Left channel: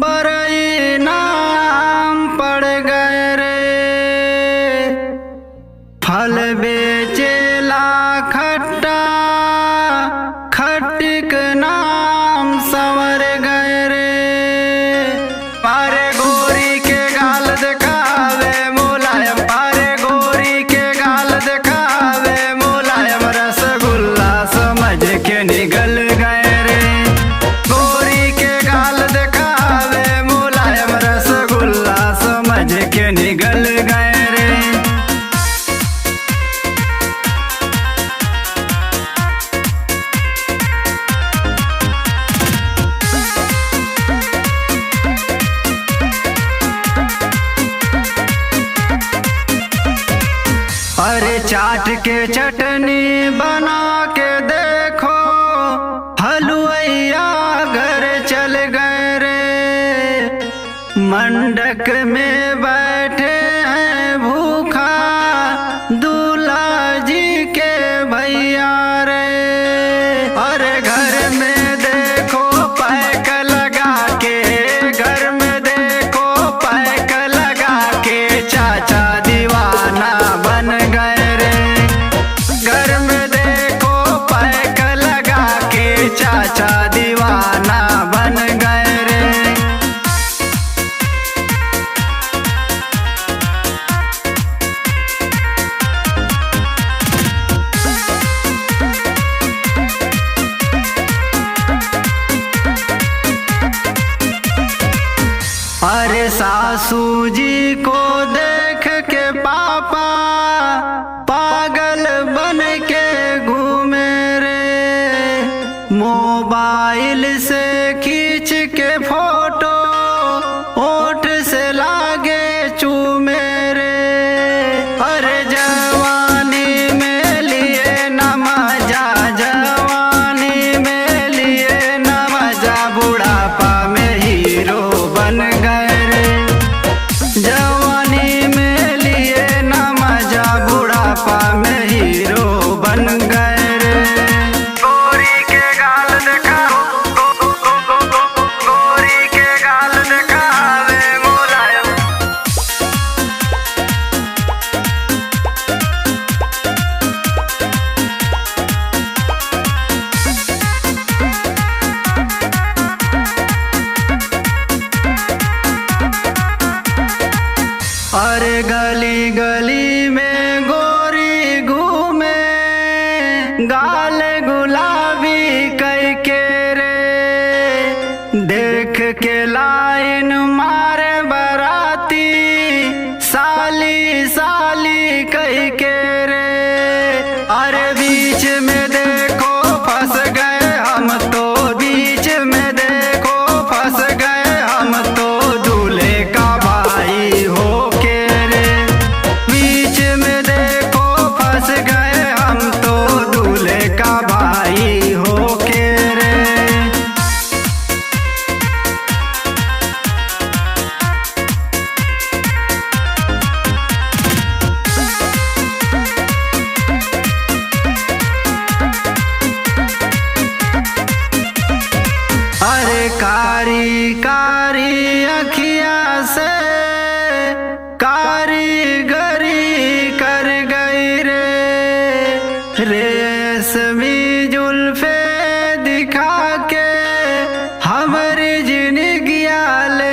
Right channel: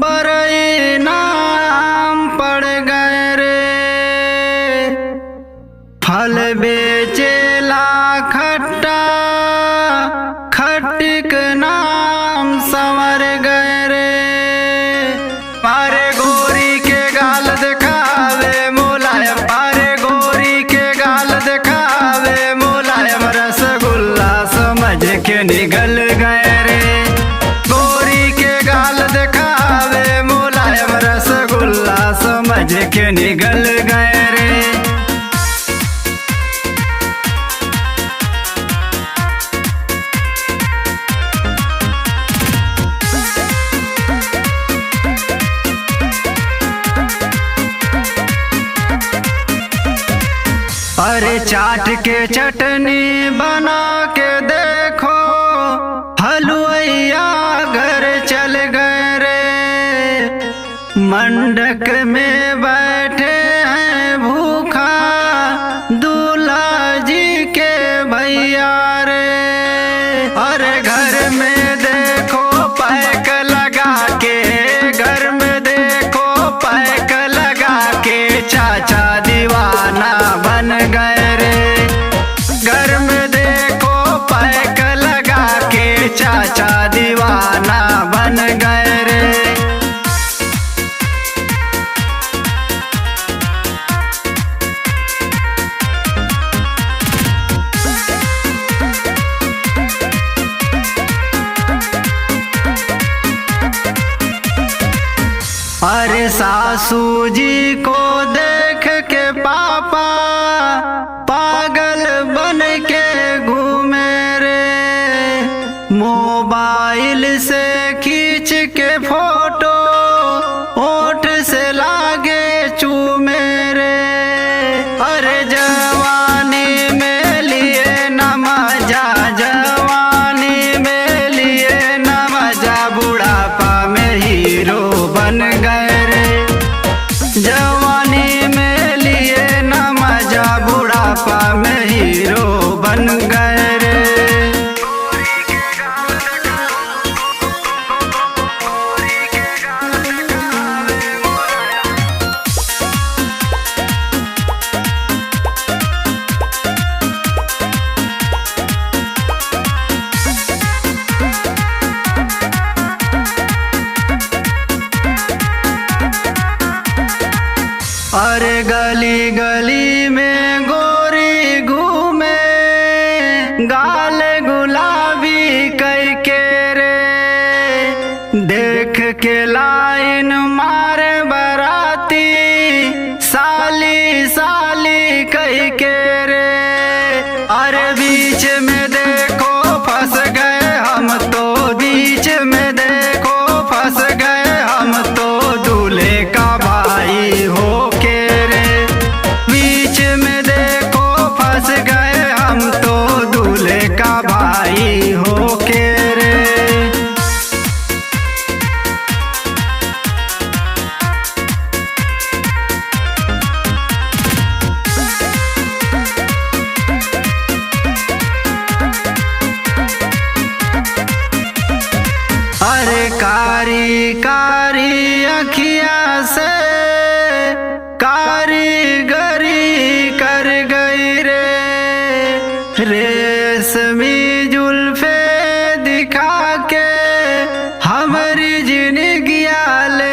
बरई नाम पड़ गए रे। फल बेचेला खट्टा खटिक नाम संवर गए रे। पारे गोरी के गाल दिखावे मुलायम, पारे गोरी के गाल दिखावे मुलायम, रसगुल्ला समझ के निगल गए रे। गोरी के गाल दिखावे मुलायम, रसगुल्ला समझ के निगल गए रे। अरे चाट के चटनी बना के देखो, हलुवैया घर चल गए रे। मंडक में बैठे हैं भूखा दूल्हा जी के भैया रे। अरे घर में देखो पैक लगा के, घर में देखो पैक लगा के, चाचा दीवाना बन गए रे। घर में देखो पैक लगा के, चाचा दीवाना बन गए रे। अरे सासू जी को देख के पापा पागल बन के घूमे रे। मोबाइल से खींच के फोटो होठ से लागे चूमे रे। अरे जवानी में लिए न मजा, जवानी में लिए न मजा, बुढ़ापा में हीरो बन गए रे। जवानी में लिए न मजा, बुढ़ापा में हीरो बन गए रे। गोरी के गाल दिखाओ, गोरी के गाल दिखावे मुलायम। अरे गली गली में गोरी घूमे, गाल गुलाबी कई के रे। देख के लाइन मारे बराती, साली साली कई के रे। अरे बीच में देखो फंस गए हम तो, बीच में देखो फंस गए हम तो, दूल्हे का भाई हो के रे। बीच में देखो फंस गए हम तो, दूल्हे का भाई हो के रे। अरे कारी कारी अखिया से कारीगरी कर गई रे। रेशमी जुल्फे दिखा के हमारी जिंदगिया ले